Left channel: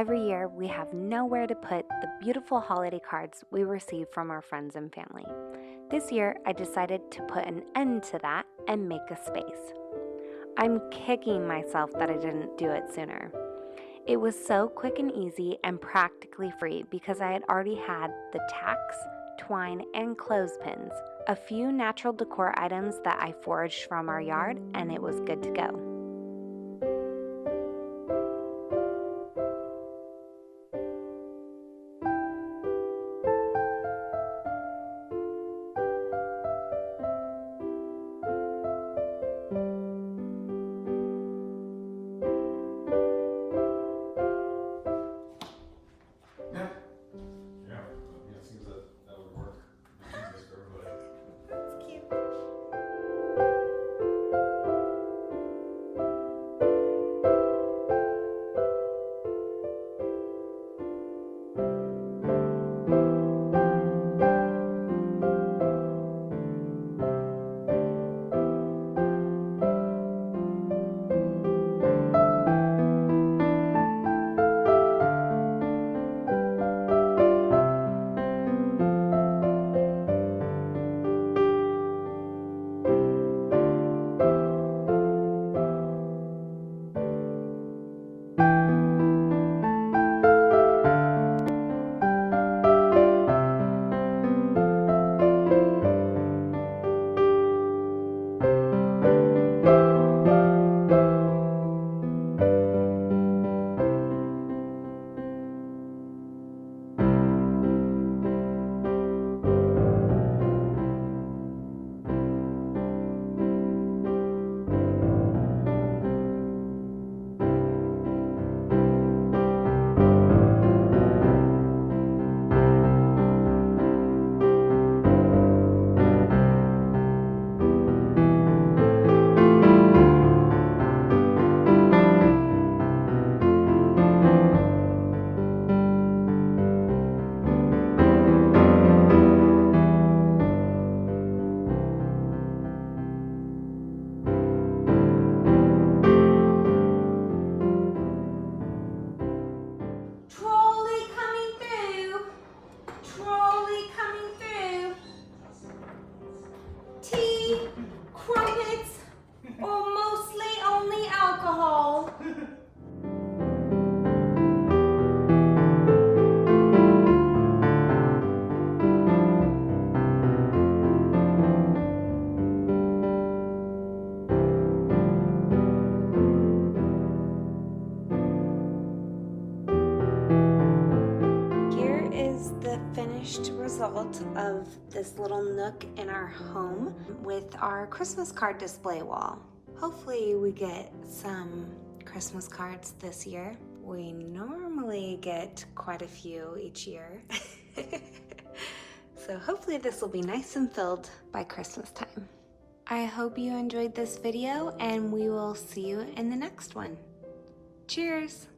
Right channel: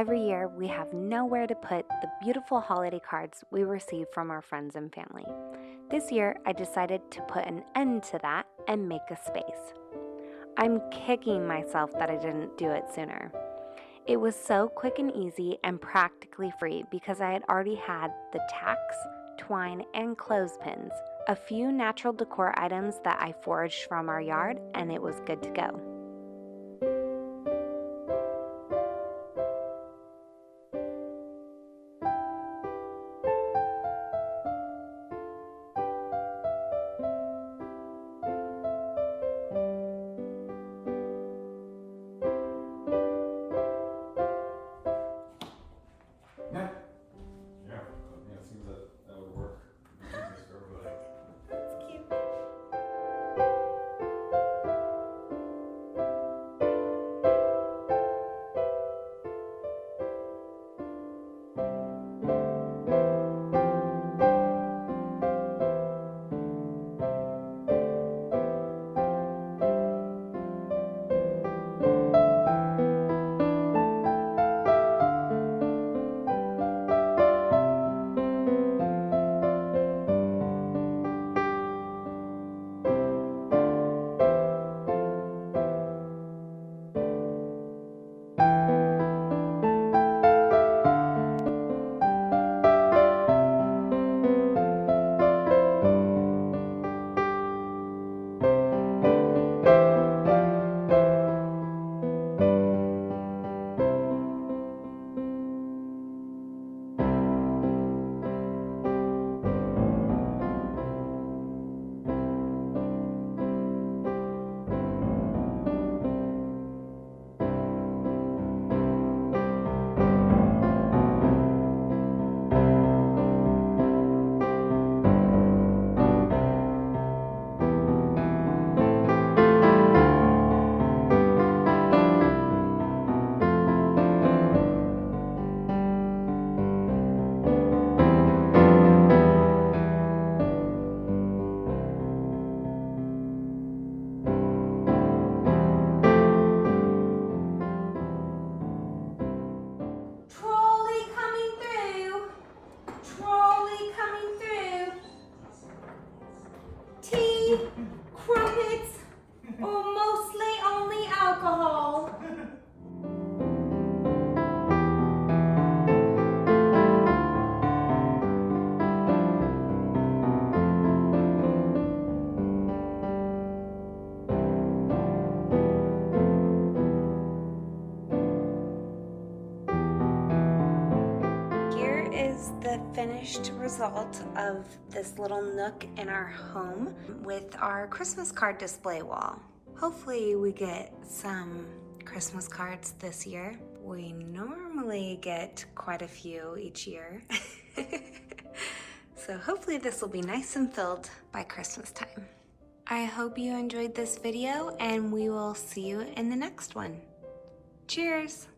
Every year, we have nowhere to put the beautiful holiday cards we receive from our friends and family. This year, I decided to put an end to that and make a space. I'm kicking myself that I didn't do it sooner. It was so quick and easy and practically free because I had already had the tacks, twine, and clothespins, a few natural decor items that I foraged from our yard, and it was good to go. Crumpets, or mostly only alcohol. Here is the finished result of this little nook in our home with our Christmas card display wall. Hopefully we get some Christmas cards this year. We normally get quite a few each year. So hopefully this will be nice and filled by Christmas time. I hope you enjoyed this video and we will see you in the next one. Cheers!